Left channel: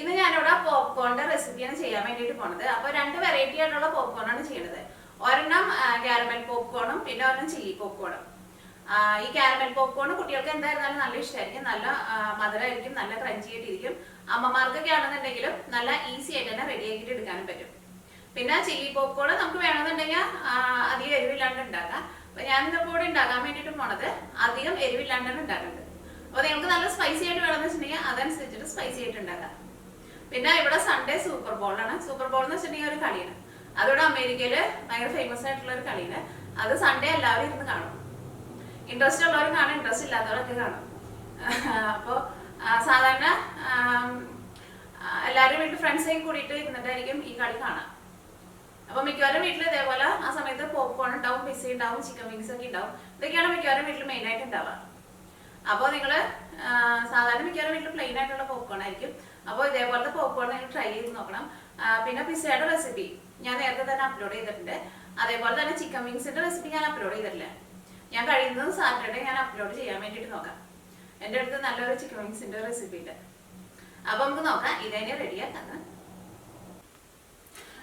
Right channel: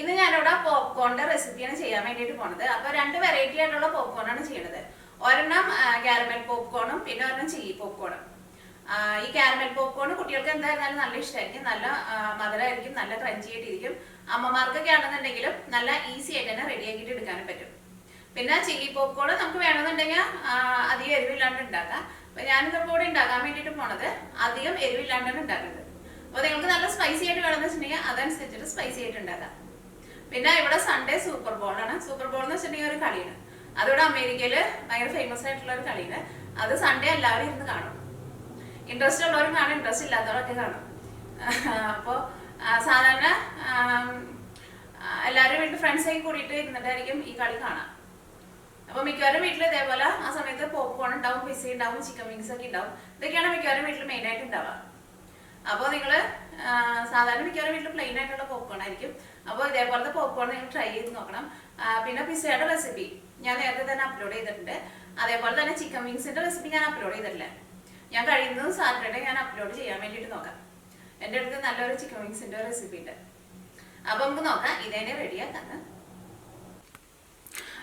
ഇന്ന് ഞാനിവിടെ പോപ്കോണിന്റെ റെസിപ്പിയാണ് ചെയ്യാൻ വേണ്ടിയിട്ട് പോണത്. അപ്പോൾ രണ്ട് വെറൈറ്റി ആയിട്ടുള്ള പോപ്കോണാണ് ചെയ്യുന്നത്. ഒരെണ്ണം കാരമൽ പോപ്കോണും പിന്നെ ഒരെണ്ണം ചില്ലി പോപ്കോണും. ഈ കാരമൽ പോപ്കോൺ കുട്ടികൾക്ക് എന്തായിരുന്നാലും നല്ല ഇഷ്ടമായിരിക്കും, നല്ല മധുരമായിരിക്കും, നല്ല ക്രഞ്ചി ആയിട്ടിരിക്കും. അമ്മമാർക്കൊക്കെ ആണെന്നുണ്ടെങ്കിലും നല്ല ഈസി ആയിട്ട് തന്നെ റെഡി ആക്കിയിട്ട് എടുക്കാനും പറ്റും. പിന്നെ ചില്ലി പോപ്കോൺ നമുക്ക് വേണമെന്നുണ്ടെങ്കിൽ അധികം എരിവില്ലാണ്ട് ഉണ്ടാക്കാം. അപ്പൊ ഞാനിതിപ്പോൾ ഇവിടെ ഉണ്ടാക്കാൻ വേണ്ടിയിട്ട് പോണത് അധികം എരിവില്ലാണ്ടാണ് ഉണ്ടാക്കുന്നത്. അപ്പോൾ നിങ്ങൾക്ക് നല്ല സ്പൈസി ആയിട്ട് വേണമെന്ന് വെച്ചിട്ടുണ്ടെങ്കിൽ അതനുസരിച്ചിട്ട് സ്പൈസി ആയിട്ട് ഉണ്ടാക്കാം. പിന്നെ ഇവിടെ സൺഡേ സൂപ്പർ ബോളാണ്. സൂപ്പർ ബോൾ എന്ന് വെച്ചിട്ടുണ്ടെങ്കിൽ ഒരു കളിയാണ്. അതിവിടെ അമേരിക്കയിൽ ഭയങ്കര ഫേമസ് ആയിട്ടുള്ള ഒരു കളിയാണ്. അത് സൺഡേ എല്ലാവരും ഇരുന്ന് കാണും. ഇൻട്രസ്റ്റ് ഉള്ളവരും കാണും, ഇൻട്രസ്റ്റ് ഇല്ലാത്തവരൊക്കെ കാണും. അപ്പോൾ സാധാരണ എല്ലാവരും വീട്ടിൽ ഫ്രണ്ട്സൊക്കെ കൂടിയിട്ട് ഇരുന്നിട്ടായിരിക്കും ഈ കളി കാണാം. അപ്പോൾ മിക്കവാറും വീട്ടിൽ ഇതേപോലെ ആ സമയത്ത് പോപ്കോൺ ഉണ്ടാവും, പിസ്സ ഉണ്ടാവും, ചിക്കൻ വിങ്സ് ഒക്കെ ഉണ്ടാവും. ഇതൊക്കെയാണ് മിക്കവാറും വീട്ടിൽ മെയിനായിട്ട് ഉണ്ടാവുക. അപ്പോൾ നിങ്ങൾ സാധാരണ മിക്കവാറും വീട്ടിൽ പ്ലെയിൻ ആയിട്ടുള്ള പോപ്കോൺ ആയിരിക്കും. അപ്പോൾ ഇതേപോലത്തെ പോപ്കോൺ നിങ്ങൾ ട്രൈ ചെയ്ത് നോക്കണം. പിന്നെ പിസ്സയുടെ റെസിപ്പി ഞാൻ നേരത്തെ തന്നെ അപ്ലോഡ് ചെയ്തിട്ടുണ്ട്. അതേപോലെ തന്നെ ചിക്കൻ വിങ്സിന്റെ റെസിപ്പി ഞാൻ അപ്ലോഡ് ചെയ്തിട്ടില്ല. ഞാൻ കഴിയുന്നത് സാറ്റർഡേ ഞാൻ അപ്ലോഡ് ചെയ്യാൻ വേണ്ടിയിട്ട് നോക്കാം. എൻ്റെ അടുത്ത് നല്ലൊരു ചിക്കൻ വിങ്സിന്റെ റെസിപ്പി ഉണ്ട്. അപ്പോൾ നമുക്ക് നോക്കാം ഇതേനെ റെഡിയാക്കാന്ന്.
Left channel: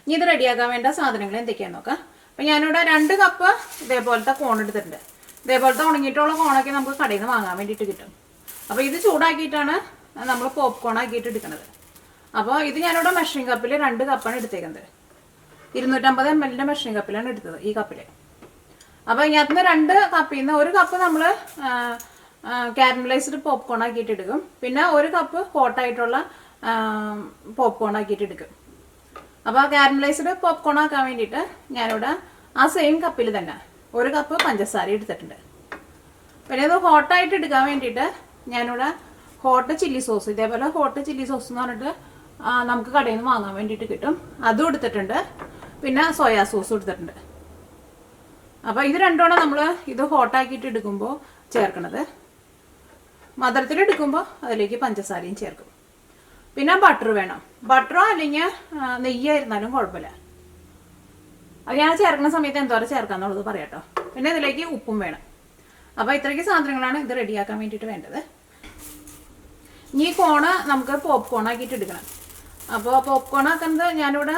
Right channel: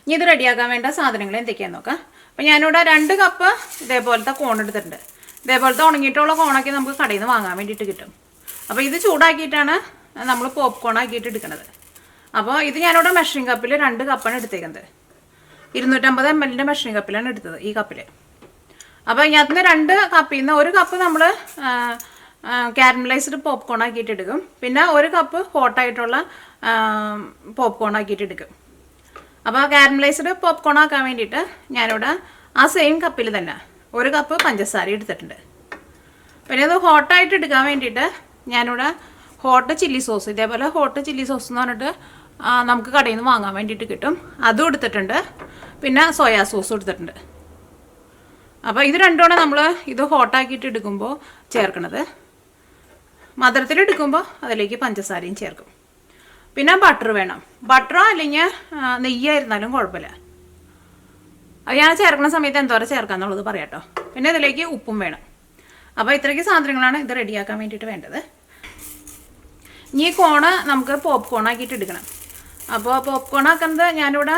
ഇനി ഇത് റെഡിയാക്കാൻ വേണ്ട സാധനങ്ങൾ എന്തൊക്കെയാന്ന് നോക്കാം. അപ്പം ഞാനിവിടെ 2 കപ്പ് ഇതേപോലത്തെ കോൺ എടുത്തിട്ടുണ്ട്. ഇതേപോലത്തെ ഉണങ്ങിയിട്ടുള്ള കോണൊക്കെ നമുക്ക് കടയിൽ നിന്ന് വാങ്ങാൻ വേണ്ടിയിട്ട് കിട്ടും. അപ്പോൾ ഇത് ചൂടാക്കിയിട്ടാണ് നമ്മൾ പോപ്കോൺ ആക്കിയിട്ട് എടുക്കുന്നത്. അപ്പോൾ ഇത് ഞാനിവിടെ മെഷറിംഗ് കപ്പിൽ 2 കപ്പാണ് എടുത്തേക്കുന്നത്. 250 ml മെഷറിംഗ് കപ്പിലാണ് എടുത്തത്, ഈ കപ്പിൽ. അപ്പോൾ ഇതിനകത്ത് 2 കപ്പിൽ നിന്ന് 1 കപ്പ് നമ്മൾ കാരമലൈസ്ഡ് പോപ്കോൺ ആക്കിയിട്ട് എടുക്കും. പിന്നെ 1 കപ്പ് ഹോട്ടായിട്ടുള്ള പോപ്കോൺ ആക്കിയിട്ട് എടുക്കും. അപ്പോൾ കാരമലൈസ്ഡ് പോപ്കോൺ ആക്കാൻ വേണ്ടിയിട്ട് ഞാനിവിടെ ആ സെയിം കപ്പിൽ തന്നെ 1 കപ്പ് പഞ്ചസാര എടുത്തിട്ടുണ്ട്. പിന്നെ ഇത് ഹോട്ടായിട്ട് എടുക്കാൻ വേണ്ടിയിട്ട് ഞാനിവിടെ ഹോട്ട് ചില്ലി സോസ്, ഇതേപോലെ ഹോട്ട് ചില്ലി സോസ് എന്ന് പറഞ്ഞിട്ട് നമുക്ക് കടയിൽ നിന്ന് വാങ്ങാൻ വേണ്ടിയിട്ട് കിട്ടും, അതും എടുത്തിട്ടുണ്ട്. പിന്നെ സോയാ സോസും എടുത്തിട്ടുണ്ട്. അപ്പോൾ ഇത് രണ്ടുമാണ് നമ്മൾ ഇത് ഹോട്ടാക്കിയിട്ട് എടുക്കുമ്പോൾ ചേർക്കണത്. മധുരത്തിൽ എടുക്കുമ്പോൾ അതിലേക്ക് പഞ്ചസാരയും ചേർക്കും. പിന്നെ ബട്ടർ വേണം. ബട്ടറോ അല്ലെങ്കിൽ നെയ്യായിരുന്നാലും കുഴപ്പമില്ല. അത് ഞാൻ ചേർക്കുന്ന സമയത്ത് എന്തോരം ചേർക്കാന്നുള്ളത് പറയാട്ടോ. പിന്നെ ഇതിലേക്ക് ഉപ്പും വേണം. അപ്പോൾ ഇത്രയ്ക്ക് സാധനങ്ങളാണ് ഇത് റെഡിയാക്കാൻ വേണ്ടിയിട്ട് വേണ്ടത്. ഇനി ഈ കോണ് നമുക്ക് പോപ്കോൺ ആക്കിയിട്ട് എടുക്കണം. അപ്പോൾ പോപ്കോൺ ആക്കുന്നത് ഞാനിവിടെ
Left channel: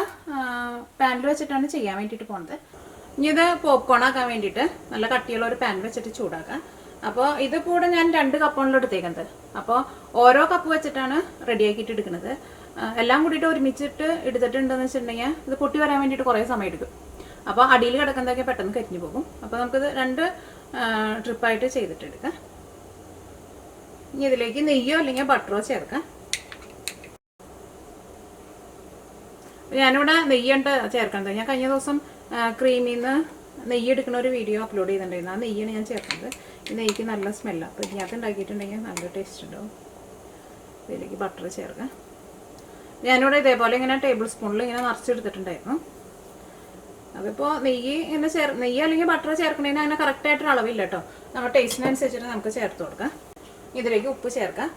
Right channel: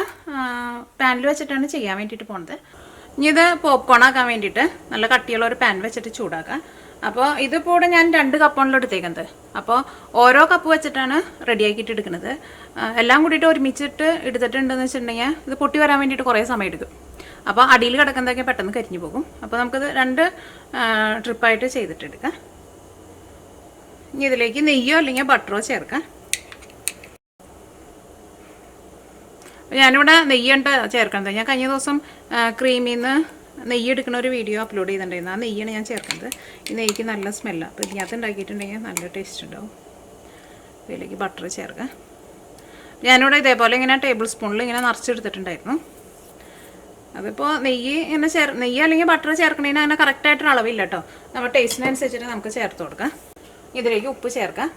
പാനിൽ വെച്ചിട്ടാണ് ചെയ്യാൻ വേണ്ടിയിട്ട് പോണത്. ഇനി ഇത് പോപ്കോൺ ആക്കാൻ വേണ്ടിയിട്ട് നല്ല കട്ടിയുള്ള ഒരു പാൻ വെച്ചിട്ട് ചൂടാക്കാം. അപ്പോൾ ഇതിപ്പോൾ ഇവിടെ ഞാൻ 2 കപ്പാണല്ലോ എടുത്തേക്കുന്നത്. അപ്പോൾ ഓരോ കപ്പ് വെച്ചിട്ടാണ് റെഡിയാക്കിയിട്ട് എടുക്കുന്നത്. എല്ലാം കൂടിയിട്ട് ഒരുമിച്ചിട്ട് എടുത്തിട്ടുണ്ടെന്ന് വെച്ചിട്ടുണ്ടെങ്കിൽ ഇത് പൊട്ടി വരാൻ വേണ്ടിയിട്ട് കുറേ സമയം എടുക്കും. അപ്പോൾ അടിയിൽ കിടക്കുന്നതൊക്കെ പെട്ടെന്ന് കരിഞ്ഞു പോകും. അപ്പോൾ നമുക്കിത് 2 ട്രിപ്പായിട്ട് ചെയ്തിട്ടെടുക്കാം. ഇനി ഇതിലേക്ക് നെയ്യോ അല്ലെങ്കിൽ ബട്ടറോ ചേർക്കാം. ഞാനിവിടെ നെയ്യുണ്ട് ചേർക്കുന്നത്. ഞാൻ കഴിഞ്ഞ ദിവസം ക്രീമിൽ നിന്ന് നെയ്യ് എടുക്കുന്ന ഒരു വീഡിയോ അപ്ലോഡ് ചെയ്തിട്ടുണ്ടായിരുന്നു. ആ നെയ്യാണ് ഞാൻ ചേർക്കുന്നത്. ഈ നെയ്യ്ക്ക് നല്ല സ്മെല്ലാണ്. അപ്പോൾ ഇതിനകത്ത് ഉണ്ടാക്കിയിട്ടുണ്ടെങ്കിൽ നല്ല ടേസ്റ്റ് ഉണ്ടാവും. ഇതിലേക്ക് ബട്ടർ ചേർക്കാം. ഞാനിവിടെ ഇതേപോലെ ഇങ്ങനെ ടേബിൾ സ്പൂണിൽ ഇങ്ങനെ നിറച്ചെടുത്തിട്ടുണ്ടായിരുന്നു. അതിപ്പോൾ നെയ്യ് ഇങ്ങനെ നെയ്യ് അല്ലെങ്കിൽ ബട്ടർ ചേർക്കണതിന് അങ്ങനെ കറക്റ്റായിട്ടൊരു അളവില്ല കേട്ടോ. നമ്മുടെ ടേസ്റ്റിനനുസരിച്ചിട്ട് നമുക്ക് ചേർത്ത് കൊടുക്കാം. ഇതിലേക്ക് ഉപ്പ് ചേർക്കാം.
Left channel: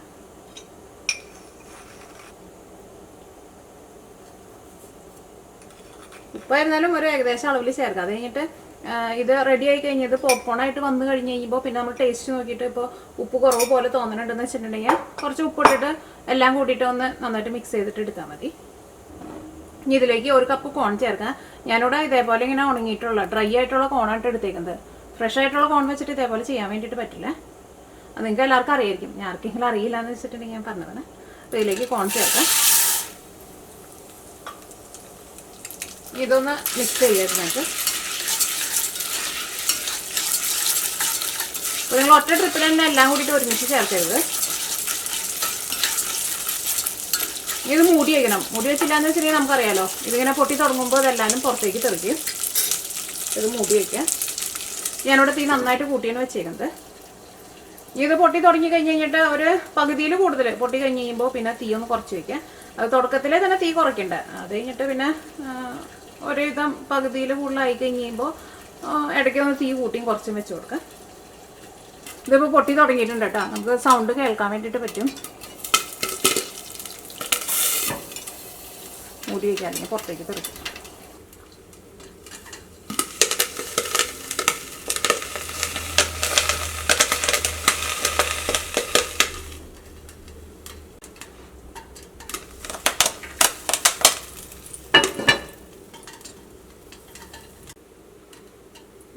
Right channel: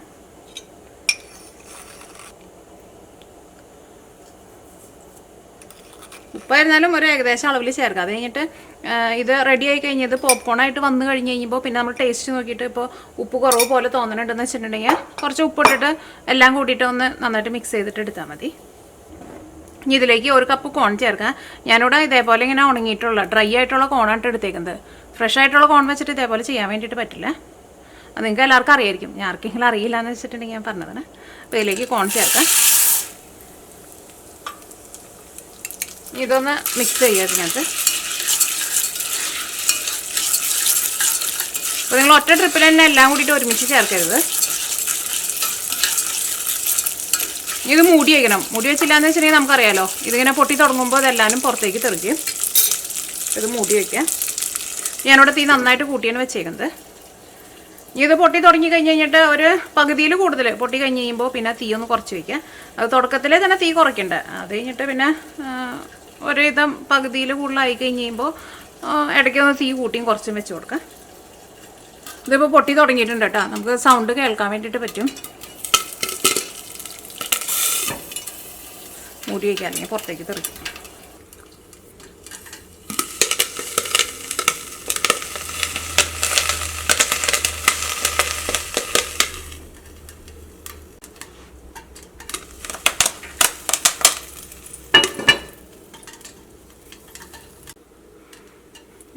ഉപ്പായിരുന്നാലും ഒരു ഏകദേശം അളവിൽ ചേർക്കാം. അത് കഴിഞ്ഞിട്ട് ഇത് റെഡി ആയി കഴിഞ്ഞത് പോപ്കോൺ ആയിട്ട് വന്നു കഴിഞ്ഞ് കഴിയുമ്പോൾ പിന്നെ നമ്മൾ ടേസ്റ്റ് നോക്കിയിട്ട് ഇപ്പോൾ ഉപ്പ് കുറവ് പോലെ തോന്നണുണ്ടെന്ന് വെച്ചിട്ടുണ്ടെങ്കിൽ കുറച്ച് ഉപ്പിട്ടിട്ട് എല്ലാം കൂട്ടിയിട്ട് ഒന്ന് നന്നായിട്ട് മിക്സ് ചെയ്തിട്ട് എടുത്താൽ മതി. ഇനി ഇതിലേക്ക് 1 കപ്പ് കോൺ ചേർക്കാം. ഞാനിവിടെ ഇതേപോലെ ഇങ്ങനെ ഉണങ്ങിയിട്ടുള്ള ഡ്രൈ ആയിട്ടുള്ള കോണായിട്ട് എടുത്തേക്കുന്നത്. ഫ്രഷ് ആയിട്ടുള്ള കോൺ വെച്ചിട്ട് ഇതേപോലെ ചെയ്യാൻ വേണ്ടിയിട്ട് പറ്റില്ല. അത് നിങ്ങൾക്ക് എല്ലാവർക്കും അറിയായിരിക്കും. ഞാൻ ആർക്കെങ്കിലും അറിയില്ല എന്ന് വെച്ചിട്ടുണ്ടെങ്കിൽ ഞാൻ പറഞ്ഞതാണ്. അപ്പോൾ ഇതിലേക്ക് കോൺ ചേർക്കാം. ഇതൊന്ന് മിക്സ് ചെയ്യാതിനകത്ത്. അപ്പോൾ നിങ്ങൾ ഒറ്റ ട്രിപ്പിൽ തന്നെ എല്ലാം കൂടിയിട്ട് ഒരുമിച്ച് ചേർക്കരുത്. ഇത് മൂടി വയ്ക്കണം. മൂടി വെച്ചില്ല എന്ന് വെച്ചിട്ടുണ്ടെങ്കിൽ നമുക്കറിയാലോ, ഇതിങ്ങനെ പൊട്ടി തുടങ്ങുമ്പോൾ ഇതെല്ലാവരും പുറത്തേക്ക് തെറിക്കും. ഇത് മൂടി വയ്ക്കാം. ഞാനിവിടെ തീ നന്നായിട്ട് കൂട്ടിയാണ് വെച്ചേക്കുന്നത്. ഇത് പൊട്ടി തുടങ്ങി കഴിഞ്ഞ് കഴിഞ്ഞിട്ട് ഒരു പകുതിയിൽ കൂടുതൽ പൊട്ടി കഴിഞ്ഞ് കഴിയുമ്പോൾ പിന്നെ തീ ഒന്ന് കുറച്ച് വയ്ക്കുക. അത് തുടക്കത്തിലേ തന്നെ തീ കുറയ്ക്കണ്ട. അത് കഴിഞ്ഞിട്ട് പിന്നെ ഒരുവിധം പകുതിയിൽ കൂടുതലായി കഴിഞ്ഞ് കഴിയുമ്പോൾ ഇടയ്ക്കൊന്ന് തീ കൂട്ടിയും കുറച്ചും വെച്ച് കൊടുക്കാം. ഇതിപ്പോൾ പൊട്ടി തുടങ്ങിയിട്ടുണ്ട് കേട്ടോ. നമുക്ക് സൗണ്ട് കേൾക്കാൻ വേണ്ടിയിട്ട് പറ്റും. മൂടി വയ്ക്കാണെങ്കിൽ പുറത്തേക്ക് തെറിക്കും.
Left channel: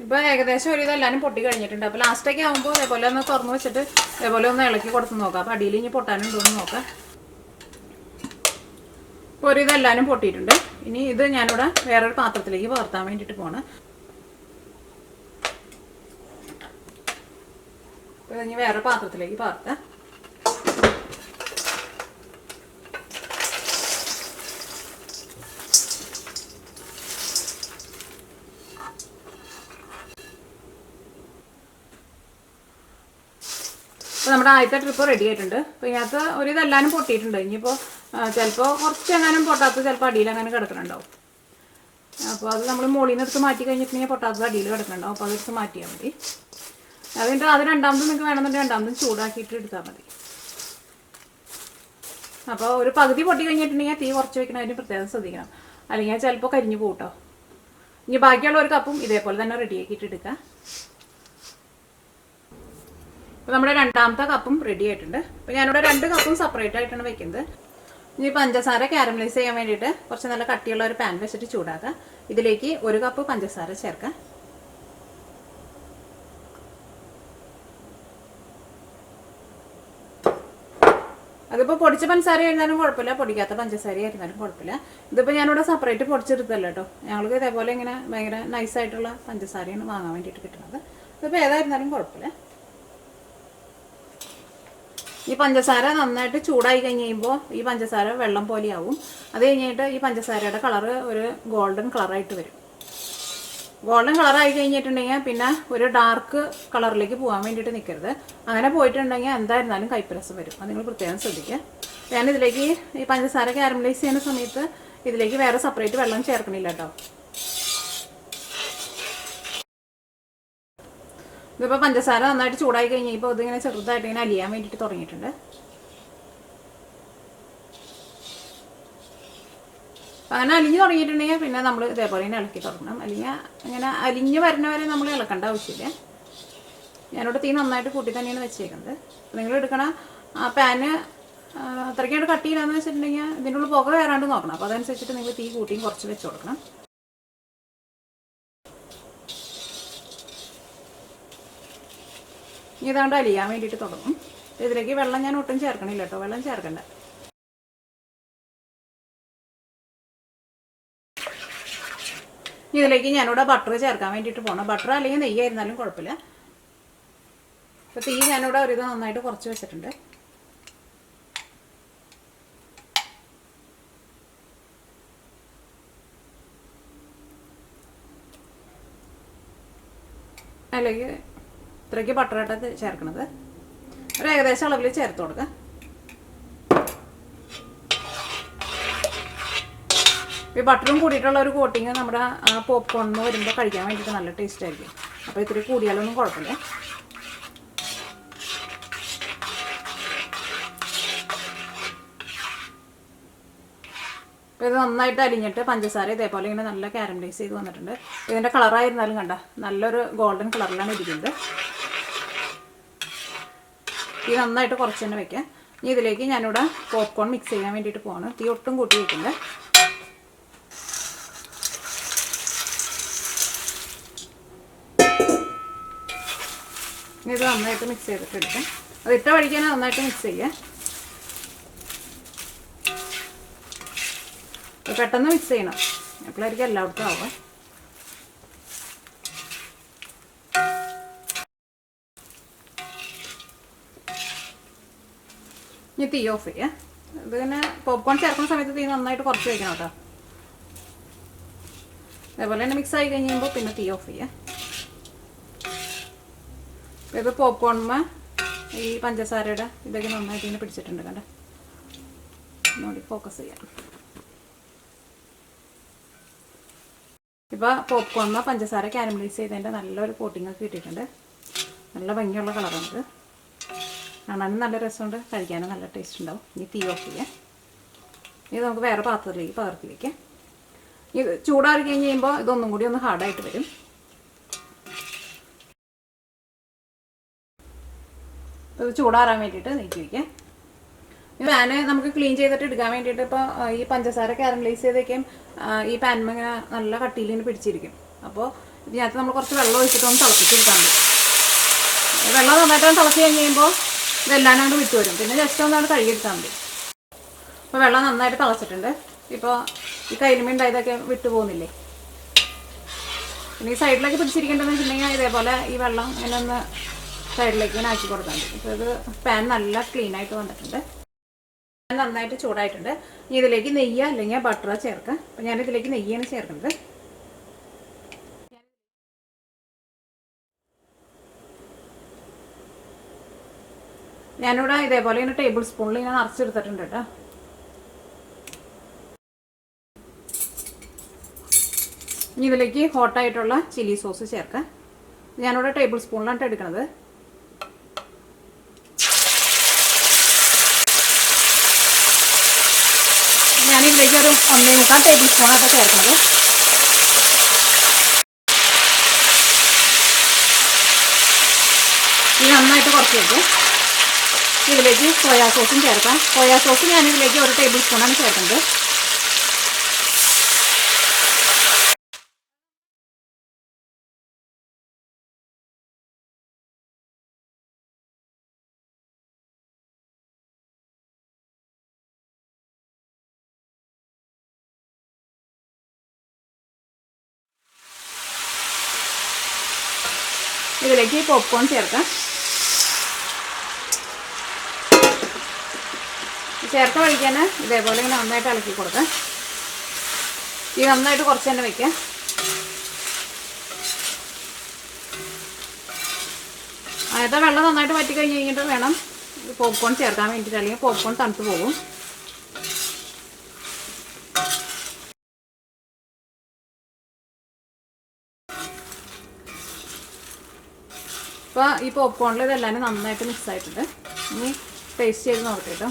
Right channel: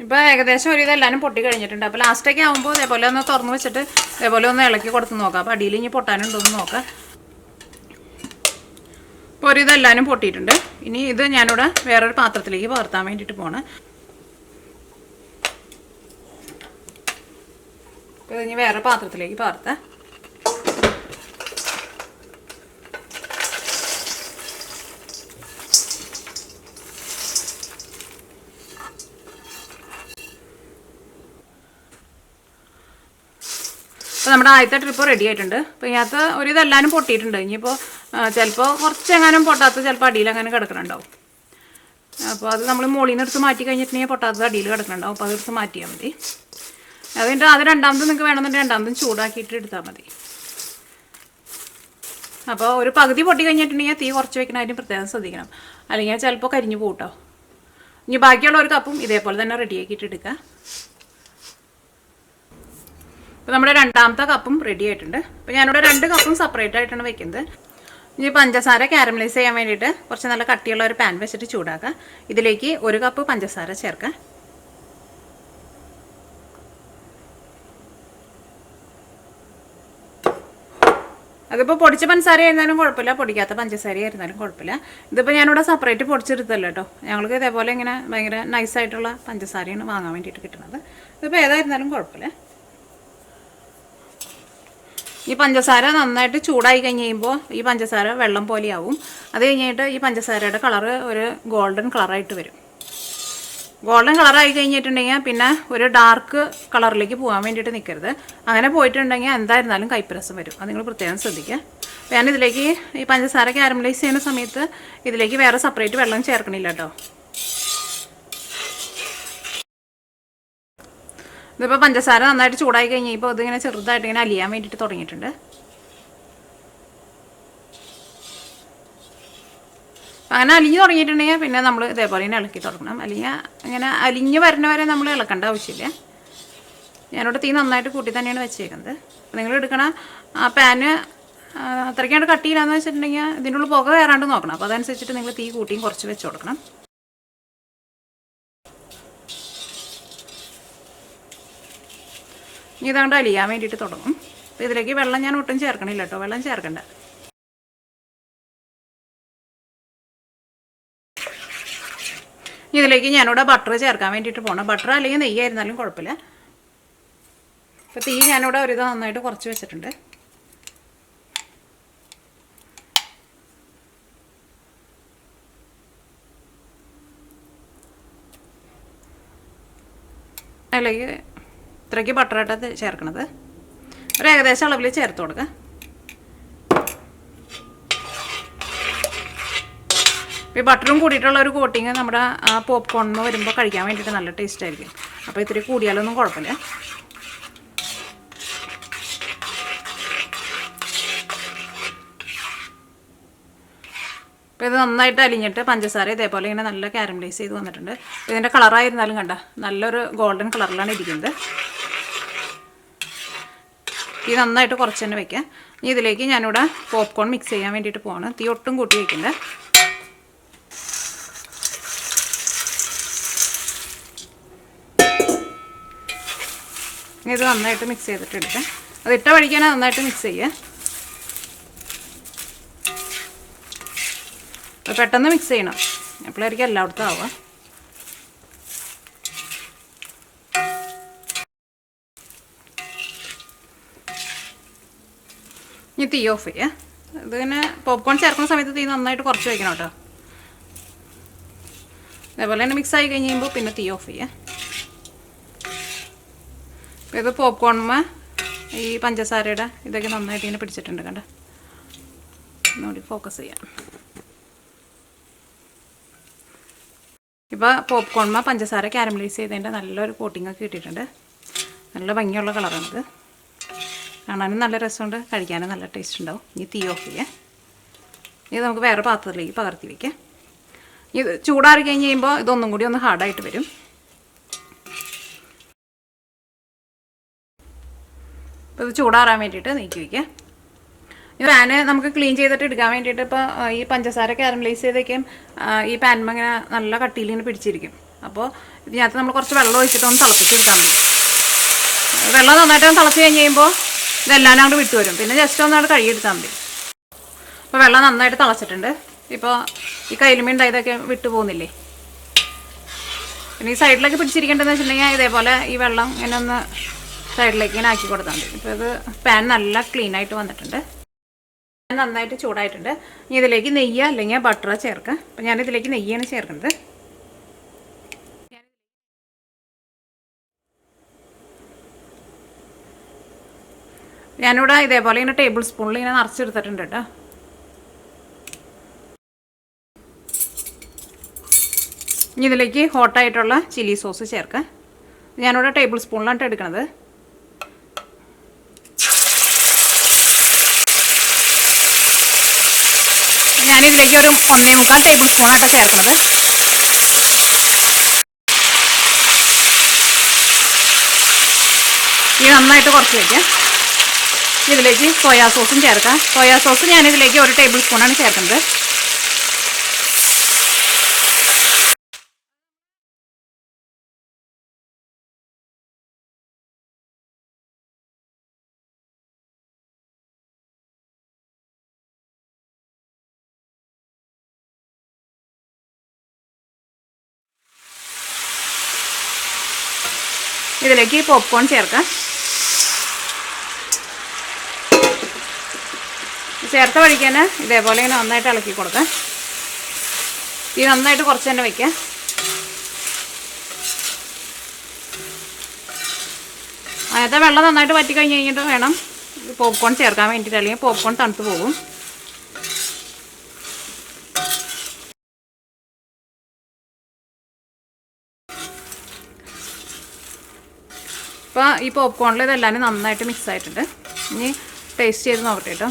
ഇപ്പോൾ ഏകദേശം ഒരു ഇതെല്ലാവരും പൊട്ടി കഴിഞ്ഞിട്ടുണ്ട്. അപ്പോൾ ലാസ്റ്റൊക്കെ ആകുമ്പോൾ അതേപോലെ ഒന്ന് തുറന്ന് വെച്ചിട്ട് അതേപോലെ ഒന്ന് ഇളക്കി കൊടുത്ത് നോക്കാം. അപ്പോൾ അടിയിൽ ഇനി പൊട്ടാനുണ്ടോയെന്ന് നോക്കാം. ഇപ്പോൾ ഒരു ഇതെല്ലാവരും പൊട്ടിയിട്ടുണ്ട്. ഇനി ഇത് ഞാനിവിടെ വേറൊരു പാത്രത്തിലേക്ക് പകർത്താൻ വേണ്ടിയിട്ട് പോകണം. അപ്പോൾ ഇനി വേറെ പാത്രത്തിലേക്ക് പകർത്താം. അപ്പോൾ നമ്മുടെ ആദ്യത്തെ ട്രിപ്പ് റെഡി ആയിട്ടുണ്ട്. അപ്പോൾ ഇതിനകത്ത് ഒരു ഇതെല്ലാവരും പൊട്ടിയിട്ടുണ്ട്. ഇനിയിപ്പോൾ ചിലപ്പോൾ കുറച്ചെങ്ങാനും പൊട്ടാത്ത ചിലപ്പോൾ അടിയിൽ അങ്ങനെ കിടക്കുന്നുണ്ടാവും. അപ്പോൾ അത് നമ്മൾ മുകളിൽ നിന്ന് എടുത്ത് മാറ്റി കഴിഞ്ഞിട്ടുണ്ടെങ്കിൽ പൊട്ടാത്തത് അടിയിൽ കിടക്കുന്നുണ്ടാവും. അപ്പോൾ അതെടുത്ത് മാറ്റിയാൽ മതി. അതിൻ്റെ അത് രണ്ടാമത് നിങ്ങൾക്ക് വേണമെന്നുണ്ടെങ്കിൽ രണ്ടാമതും ചൂടാക്കിയിട്ട് എടുത്താൽ മതി. അപ്പോൾ ഒരു പകുതി പൊട്ടി കഴിഞ്ഞിട്ടുണ്ടെങ്കിൽ തീ കുറച്ച് വയ്ക്കണം. അതിന് പ്രത്യേകം ശ്രദ്ധിക്കണം, അല്ലെങ്കിൽ ചിലപ്പോൾ കരിഞ്ഞു പോകട്ടോ. ഇനി ബാക്കിയുള്ള ഒരു കപ്പും ഇതേപോലെ തന്നെ റെഡിയാക്കിയിട്ട് എടുക്കുക. അപ്പോൾ നമ്മുടെ രണ്ടാമത്തെ കപ്പും റെഡി ആയിട്ടുണ്ട്. അപ്പോൾ ഞാനിവിടെ 2 കപ്പും സെപ്പറേറ്റ് ആയിട്ടാണ് വെക്കുന്നത്. ഇനി പഞ്ചസാര കാരമലൈസ് ചെയ്യാൻ വേണ്ടിയിട്ട് കുറച്ച് നല്ല കട്ടിയുള്ള ഒരു പാൻ വെച്ചിട്ട് ചൂടാക്കുക. ഇതിലേക്ക് 1 കപ്പ് പഞ്ചസാര ചേർക്കുക. അതിപ്പോൾ പൊടിച്ച പഞ്ചസാര ആയിരുന്നാലും കുഴപ്പമില്ല, പൊടിക്കാത്ത പഞ്ചസാര ആയിരുന്നാലും കുഴപ്പമില്ല. ഇതിപ്പോൾ ഞാനിവിടെ സെപ്പറേറ്റ് പൊടിച്ചെടുത്തല്ലോ കേട്ടോ. ഞങ്ങൾക്ക് ഇതേപോലെ ഇങ്ങനെ ഭയങ്കര നൈസായിട്ടുള്ള പഞ്ചസാരയാണ് വാങ്ങാൻ വേണ്ടിയിട്ട് കിട്ടുന്നത്. ഇതിപ്പോൾ ഏതായിരുന്നാലും കുഴപ്പമില്ല. ഈ പഞ്ചസാര നന്നായിട്ട് ചൂടായി കഴിഞ്ഞ് കഴിയുമ്പോൾ ഈ പഞ്ചസാര വെള്ളം പോലെയാവും. അത് കഴിഞ്ഞിട്ട് ഈ പഞ്ചസാരയുടെ കളറ് ഒരു ഗോൾഡൻ കളറായിട്ട് വരും. ഗോൾഡൻ കളറായി കഴിഞ്ഞിട്ടുണ്ടെങ്കിൽ പിന്നെ ഒരു ഡാർക്ക് കളറിലേക്ക് പോകാൻ വേണ്ടിയിട്ട് നിൽക്കരുത്. അങ്ങനെ പോയിട്ടുണ്ടെങ്കിൽ എന്തായിരുന്നാലും കയ്പ്പരസം വരും. അത് നിങ്ങൾ പ്രത്യേകം ശ്രദ്ധിക്കുക. ഞാനിതിലേക്ക് ഈ പഞ്ചസാര കാരമലൈസ് ചെയ്യുന്ന സമയത്ത് ഇതിലേക്ക് വേറെ സെപ്പറേറ്റ് വെള്ളം ചേർക്കണില്ല കേട്ടോ. ഇതിപ്പോൾ പഞ്ചസാര നന്നായിട്ട് ചൂടായി കഴിഞ്ഞപ്പോൾ ഇതിങ്ങനെ ചെറുതായിട്ട് ഇങ്ങനെ അലിയാൻ വേണ്ടിയിട്ട് തുടങ്ങിയിട്ടുണ്ട്. അങ്ങനെ അലിഞ്ഞ് തുടങ്ങിയിട്ടുണ്ടെങ്കിൽ പിന്നെ നമ്മൾ ഇതേപോലെ തന്നെ ഇളക്കി തുടങ്ങണം. അല്ലെങ്കിൽ ഇങ്ങനെ അലിഞ്ഞ് വരുന്നവരെ നമ്മൾ ഇളക്കേണ്ട ആവശ്യമില്ല. ഞാനിവിടെ തീ നന്നായിട്ട് കൂട്ടി തന്നെയാണ് വെച്ചേക്കുന്നത്. നിങ്ങൾ എടുക്കണ ആ പാന് അത്രയ്ക്കാണ്ട് കട്ടിയില്ലാന്ന് വെച്ചിട്ടുണ്ടെങ്കിൽ ഇതിൻ്റെ ഉള്ളിൽ പുക കയറാണ്ട് നോക്കണം. അപ്പോൾ അതനുസരിച്ചിട്ട് നിങ്ങൾ തീ കൂട്ടിയും കുറച്ച് വെച്ച് കൊടുക്കണം. ഇനി ഇതുകൊണ്ട് അലിയാൻ വേണ്ടിയിട്ട് തുടങ്ങും. അപ്പോൾ ഇതിലേക്ക് വെള്ളം ഞാൻ ഒട്ടും ചേർക്കണില്ല കേട്ടോ. വെള്ളം ചേർക്കണ്ട. ഇതിലേക്ക് ഞാനിവിടെ ബട്ടർ ചേർക്കാൻ വേണ്ടിയിട്ട് പോകണം. ബട്ടർ അല്ലെങ്കിൽ നെയ്യായിരുന്നാലും കുഴപ്പമില്ല. അപ്പോൾ തീ ഞാനിവിടെ ഒരു ഇത് നന്നായിട്ട് കുറച്ച് വെച്ചിട്ടുണ്ട്. അതിലേക്ക് ഇത്രയ്ക്ക് ബട്ടറായിട്ടത് ചേർക്കണത്. ഒരു ഏകദേശം അളവിൽ ചേർത്ത് കൊടുക്കുക. ഈ ബട്ടറും കൂടിയിട്ടുള്ള ഒരു കോട്ടിങ് നമ്മുടെ പോപ്കോണിന് വരുമ്പോൾ കഴിക്കാൻ വേണ്ടിയിട്ട് നല്ല ടേസ്റ്റ് ആയിരിക്കും. അപ്പോൾ ഇത്തിരി കൂടിയാലൊന്നും കുഴപ്പമില്ല. അപ്പോൾ ഇത് നന്നായിട്ട് അലിഞ്ഞിട്ട് പഞ്ചസാര ഇതേപോലെ ഇങ്ങനെ നല്ല കാരമലൈസ് ചെയ്ത് വന്നിട്ടുണ്ട്. ഇതിൻ്റെ കളറായിരുന്നാലും കണ്ട നല്ലൊരു ഗോൾഡൻ കളറിലാണ് ഇരിക്കുന്നത്. ഇത് നന്നായിട്ട് കുറച്ച് തന്നെ വയ്ക്കുക. ഇനി ഇതിലേക്ക് ഞാനിവിടെ പോപ്കോൺ മിക്സ് ചെയ്യാൻ വേണ്ടിയിട്ട് പോവാണ്. തീ ഒട്ടും കൂട്ടി വയ്ക്കണ്ട. ഇത് നന്നായിട്ട് മിക്സ് ചെയ്തിട്ട് എടുക്കാം. അത് ഇട്ട വഴിക്കാണ് നന്നായിട്ട് മിക്സ് ചെയ്യുക. പെട്ടെന്ന് മിക്സ് ചെയ്യണം, എപ്പോഴായിരിക്കും എല്ലായിടത്തും ആവുക. ഇനി തീ ഓഫ് ചെയ്യുക. ഇതിങ്ങനെ പോപ്കോൺ ചേർക്കുന്ന സമയത്ത് തീ നന്നായിട്ട് കുറച്ച് വയ്ക്കണം കേട്ടോ. അതേപോലെ തന്നെ മിക്സ് ആയി കഴിയുമ്പോൾ പിന്നെ തീ ഓഫ് ചെയ്യുക. ഇത് പോപ്കോണുമ്മ ഈ പഞ്ചസാരയുടെ ഇതൊക്കെ നന്നായിട്ട് ഇങ്ങനെ പിടിച്ചിട്ടുണ്ട് കണ്ട. ഒന്നുകൂടി ഫോക്കസ് ചെയ്യാം. ഇപ്പോൾ പോപ്കോണുമ്മ പഞ്ചസാര കാരമലൈസ് ചെയ്തതിൻ്റെ നല്ലൊരു കോട്ടിങ്ങൊക്കെ കിട്ടിയിട്ടുണ്ട്. നല്ല ഭംഗിയുള്ള കളറാണിത്. കാണാനും നല്ല രസമുണ്ട്, കഴിക്കാനും നല്ല ടേസ്റ്റ് ഉണ്ടാവും. ഇനി തീ ഓഫ് ചെയ്യാം. ഇത് നമുക്ക് വേറെ പാത്രത്തിലേക്ക് പകർത്തി വയ്ക്കാം. ഇത് ചൂടാറി കഴിഞ്ഞ് കഴിയുമ്പോൾ ഇതൊന്നും കൂടി ഒന്ന് ഹാർഡായിട്ട് വരും. അപ്പോൾ ഇത് ചൂടാറാൻ വേണ്ടിയിട്ട് നീക്കി വയ്ക്കാം. ഈ പാന് നമുക്ക് ക്ലീൻ ചെയ്തിട്ട് എടുക്കാൻ വേണ്ടിയിട്ട് ഇപ്പോൾ ഈ പഞ്ചസാര കാരമലൈസ് ചെയ്തേക്കും ഈ പാൻമ ഇങ്ങനെ നല്ല കട്ടിയിൽ ഇങ്ങനെ പിടിച്ചിരിക്കും. അപ്പോൾ ഇതിനകത്ത് നമ്മൾ കുറച്ച് വെള്ളം ഒഴിച്ചിട്ട് ഒന്ന് തിളപ്പിച്ചെടുക്കാൻ മതി. വെള്ളം നന്നായിട്ട് തിളച്ച് കഴിഞ്ഞ് കഴിയുമ്പോൾ ഇതെല്ലാം അങ്ങോട്ട് വിട്ടു വരും. പിന്നെ ജസ്റ്റ് ഒന്ന് അവിടെ കഴുകിയെടുത്താൽ മതി. ഇപ്പോൾ വെള്ളം നന്നായിട്ട് തിളച്ചിട്ടുണ്ട്. ഇപ്പോൾ ഈ കൈലുമീൻ ഉണ്ടായതൊക്കെ വിട്ടു പോകുന്നില്ലേ. പിന്നെ ഈ സൈഡിലേക്ക് പിടിച്ചിരിക്കേണ്ടതെന്ന് വെച്ചിട്ടുണ്ടെങ്കിൽ ഇതേപോലെ ഈ വെള്ളം ഇങ്ങനെ ഒന്ന് സൈഡിലേക്ക് ഇങ്ങനെ ആക്കി കൊടുത്താൽ മതി. ഇപ്പോൾ ഇത് പാൻ നല്ല ക്ലീനായിട്ട് വന്നിട്ടുണ്ട്. നന്നായിട്ട് ചൂടായിട്ടുണ്ട്. ഇനി ഇതിലേക്ക് നെയ്യ് അല്ലെങ്കിൽ ബട്ടർ ചേർക്കുക. അപ്പോൾ ഞാനിതിലേക്ക് നെയ്യാണ് ചേർക്കുന്നത്. ഞാനിവിടെ ഇതേപോലെ ഇങ്ങനെ ടേബിൾ സ്പൂണിൽ ഇങ്ങനെ നിറച്ചെടുത്തിട്ടുണ്ട് കേട്ടോ. ഇനി ഇതിലേക്ക് ഹോട്ടായിട്ടുള്ള ചില്ലി സോസ് ചേർക്കാം. ഞാനിവിടെ ടേബിൾ സ്പൂണിലാണ് എടുക്കുന്നത്. ഞാനിതിലേക്ക് ഒരു 1.25 ടേബിൾ സ്പൂണായിട്ടാണ് ചേർക്കുന്നത്. ഇത് നന്നായിട്ട് കുറച്ച് വയ്ക്കുക. ഇതിലേക്ക് സോയാ സോസും ചേർക്കാം. സോയാ സോസ് ഞാനിതിലേക്ക് 1 ടേബിൾ സ്പൂണാണ് ചേർക്കുന്നത്. ഇതിലേക്ക് പോപ്കോൺ ചേർക്കാം. ചേർത്ത വഴിക്കാൻ ഇതേപോലെ ഇങ്ങനെ നന്നായിട്ട് ഇളക്കി കൊടുക്കാം. ഇത് നന്നായിട്ട് കുറച്ച് തന്നെ വയ്ക്കാം. അതിനകത്തെ വെള്ളം നന്നായിട്ട് വറ്റി കഴിഞ്ഞ് കഴിഞ്ഞിട്ട് വേണം പോപ്കോൺ ചേർക്കാൻ വേണ്ടിയിട്ട്, അല്ലെങ്കിൽ പോപ്കോൺ തണുത്ത് പോകും. ഇപ്പോൾ ഈ പോപ്കോണിൽ ഇതെല്ലാം നന്നായിട്ട് മിക്സ് ആയിട്ടുണ്ട്. ഇനി ടേസ്റ്റ് ചെയ്ത് നോക്കട്ടെ കേട്ടോ.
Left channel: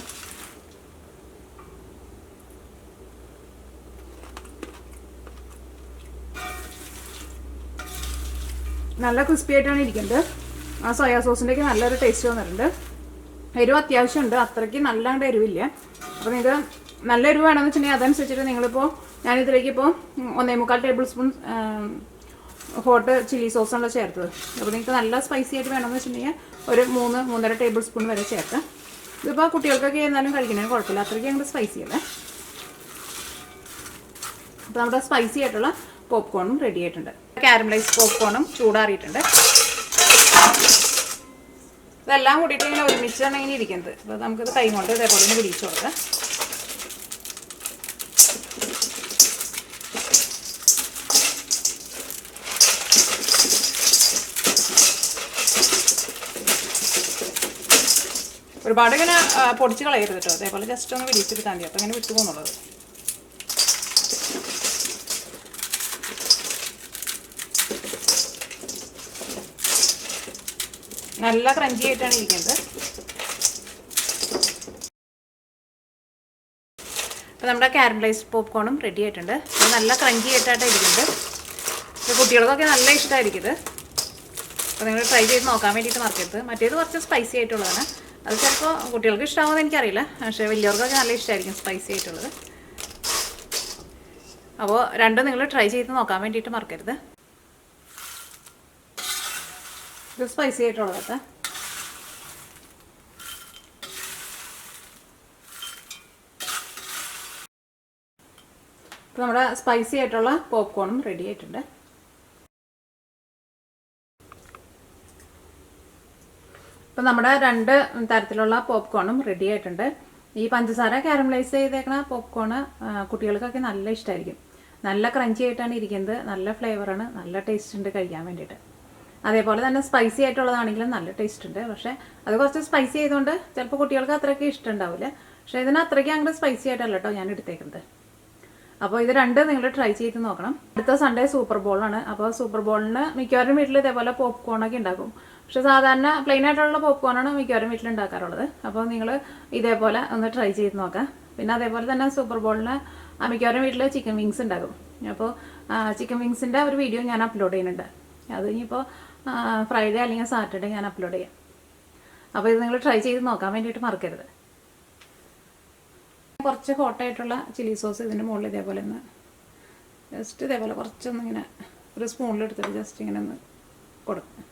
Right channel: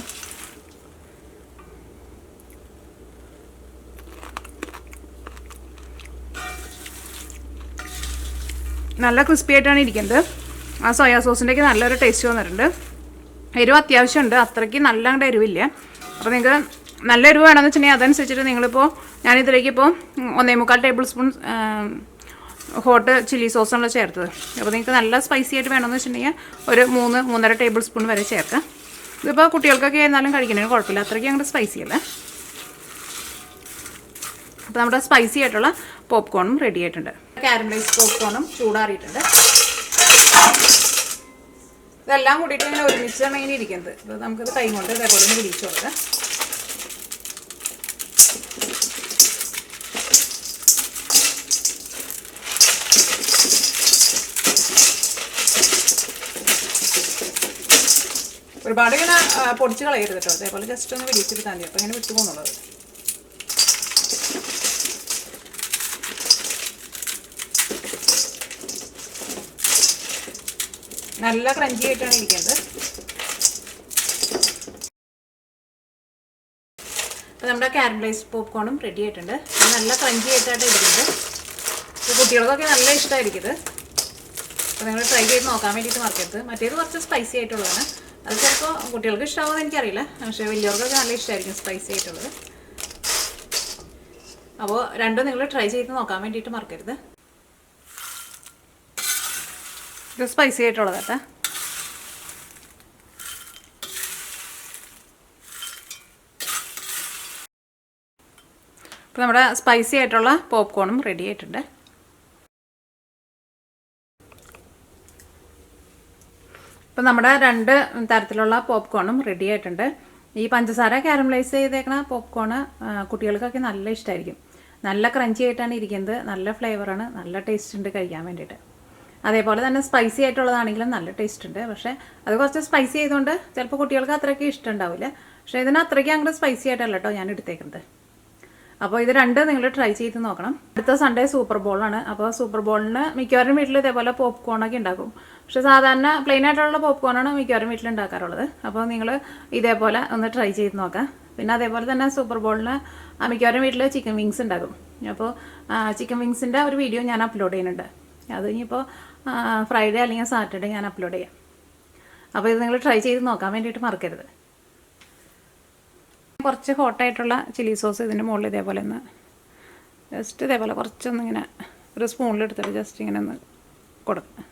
നല്ല ക്രിസ്പി ആയിട്ടാണ് ഇരിക്കുന്നത്. ആ സോയാ സോസിൻ്റെയൊക്കെ നല്ലൊരു ടേസ്റ്റ് വന്നിട്ടുണ്ട്. എരിവ് അത്യാവശ്യമുണ്ട്, അത്രയ്ക്ക് നല്ല എരിവില്ല. അപ്പോൾ നിങ്ങൾക്ക് നല്ല എരിവ് വേണമെന്ന് വെച്ചിട്ടുണ്ടെങ്കിൽ അതനുസരിച്ചിട്ട് നിങ്ങളിപ്പോൾ ഞാനിതിലേക്ക് ഇപ്പോൾ 1.25 ടേബിൾ സ്പൂൺ ഹോട്ട് ചില്ലി സോസാണ് ചേർത്തത്. അപ്പോൾ നിങ്ങൾക്ക് നല്ല സ്പൈസി ആയിട്ട് വേണമെന്ന് വെച്ചിട്ടുണ്ടെങ്കിൽ ഒരു 3-3.5 ടേബിൾ സ്പൂൺ വരെ ചേർക്കാം. ഇതിപ്പോൾ കുട്ടികൾക്കൊക്കെ എന്നാലും കഴിക്കുന്നതിന് കുഴപ്പമില്ല, അത്രയ്ക്ക് ഞങ്ങളുടെ സ്പൈസി അല്ലേ. അപ്പോൾ നമ്മുടെ സ്പൈസി ആയിട്ടുള്ള പോപ്കോണും റെഡി ആയിട്ടുണ്ട്. കാരമലൈസ് പോപ്കോണും ചൂടാറിയിട്ടുണ്ട്. ഇതെല്ലാം കൂടിയിട്ട് ഇങ്ങനെ ഒരുമിച്ചാണ് ഇങ്ങനെ ഇരിക്കുന്നത്. അപ്പോൾ നമുക്കിത് കൈ കൊണ്ട് ഇതേപോലെ ഒന്ന് പിടിച്ചു കൊടുക്കാം. ഒരുപാട് ഇങ്ങനെ പൊടിച്ച് കളയരുത് കേട്ടോ. അതേപോലെ ജസ്റ്റ് ഒന്ന് പിടിച്ചെടുത്താൽ മതി. അപ്പോൾ ഇങ്ങനെ വിട്ടു പോകുന്നുള്ളത്. നല്ല ക്രഞ്ചി ആയിട്ടാണ് ഇരിക്കുന്നത്. അപ്പോൾ നമ്മുടെ കാരമലൈസ് പോപ്കോണും റെഡി ആയിട്ടുണ്ട്. നല്ല ക്രഞ്ചി ആയിട്ടാണ് ഇരിക്കുന്നത്. അപ്പോൾ കുട്ടികൾക്കൊക്കെ നല്ല ഇഷ്ടമായിരിക്കും. അപ്പോൾ നിങ്ങൾ ട്രൈ ചെയ്ത് നോക്കാൻ വേണ്ടിയിട്ട് മറക്കരുത്. മറ്റേത് കുറച്ച് സ്പൈസി ആയിട്ടുള്ളതാണ്. അത് ചിലപ്പോൾ കുട്ടികൾക്ക് ഇഷ്ടമാകുമെന്ന് എനിക്കറിയില്ല, പക്ഷേ വലിയവർക്കൊക്കെ നല്ല ഇഷ്ടമായിരിക്കും സ്പൈസി ആയിട്ടുള്ളത്. അപ്പോൾ രണ്ടും നിങ്ങൾ ട്രൈ ചെയ്ത് നോക്കാൻ വേണ്ടിയിട്ട് മറക്കരുത്. ഇത് സ്പൈസി ആയിട്ടുള്ളത് കേട്ടോ. അപ്പോൾ നമ്മുടെ സ്പൈസി ആയിട്ടുള്ള പോപ്കോണും റെഡി ആയിട്ടുണ്ട്. അപ്പോൾ നമ്മുടെ 2 തരത്തിലുള്ള പോപ്കോണും റെഡി ആയിട്ടുണ്ട്. ഈ പഞ്ചസാര കാരമലൈസ് ചെയ്തേക്കണ പോപ്കോണ് കുട്ടികൾക്കൊക്കെ നല്ല ഇഷ്ടമായിരിക്കും. നല്ല ക്രഞ്ചി ആയിട്ടാണ് ഇരിക്കുന്നത്. നല്ല ഫ്ലേവറാണ്, നല്ല ടേസ്റ്റ് ഉണ്ട് കഴിക്കാൻ വേണ്ടിയിട്ട്. അതേപോലെ തന്നെ സ്പൈസി ആയിട്ടുള്ളതാണെങ്കിലും നല്ല ടേസ്റ്റ് ഉണ്ട്. പക്ഷേ അത് കുറച്ച് സ്പൈസി ചെയ്തുകൊണ്ട് ചിലപ്പോൾ കുട്ടികൾക്ക് അത്രയ്ക്ക് ഇഷ്ടം ഉണ്ടാവില്ല. പക്ഷേ ഇതിന് അത്രയ്ക്ക് അങ്ങോട്ട് സ്പൈസി ആയിട്ടല്ല കേട്ടോ ഞാൻ എടുത്തേക്കുന്നത്. അപ്പോൾ ഇത് രണ്ടും നിങ്ങൾ ട്രൈ ചെയ്ത് നോക്കണം. അടുത്ത സൺഡേ സൂപ്പർ ബോളാണ്. അപ്പോൾ സൂപ്പർ ബോളിന് മിക്കവാറും വീട്ടിൽ ഇതേപോലെ പോപ്കോണൊക്കെ ഉണ്ടാക്കും. പക്ഷേ സാധാരണ പ്ലെയിൻ ആയിട്ടുള്ള പോപ്കോണാണ് മിക്കവാറും വീട്ടിൽ ഉണ്ടാക്കാറുള്ളത്. അപ്പോൾ നിങ്ങൾ ഇതേപോലെ ഒന്ന് ട്രൈ ചെയ്ത് നോക്കാം. പിന്നെ അതേപോലെ തന്നെ സൂപ്പർ ബോളിന് മിക്കവാറും വീട്ടിൽ ചിക്കൻ വിങ്സ് ഉണ്ടാകും. അപ്പോൾ ചിക്കൻ വിങ്സിൻ്റെ ഒരു വീഡിയോ ഞാൻ അപ്ലോഡ് ചെയ്യുന്നുണ്ട്. അത് ഇനിയിപ്പോൾ ഫ്രൈഡേ അല്ലെങ്കിൽ സാറ്റർഡേ ഞാൻ അപ്ലോഡ് ചെയ്യാം. അപ്പോൾ ഇത് നിങ്ങൾ ട്രൈ ചെയ്ത് നോക്കാൻ വേണ്ടിയിട്ട് മറക്കരുത്. കുറച്ച് ഹോട്ടായിട്ടുള്ള ചില്ലി സോസ് ഇതിൻ്റെ മുകളിൽ ഇതേപോലെ ഒന്ന് ജസ്റ്റ് ഇതേപോലെ കുറച്ചൊന്നിങ്ങനെ ഒരു സ്പൂണിലെടുത്തിട്ട് ജസ്റ്റ് ഇങ്ങനെ ഒന്ന് കൊടുക്കുക.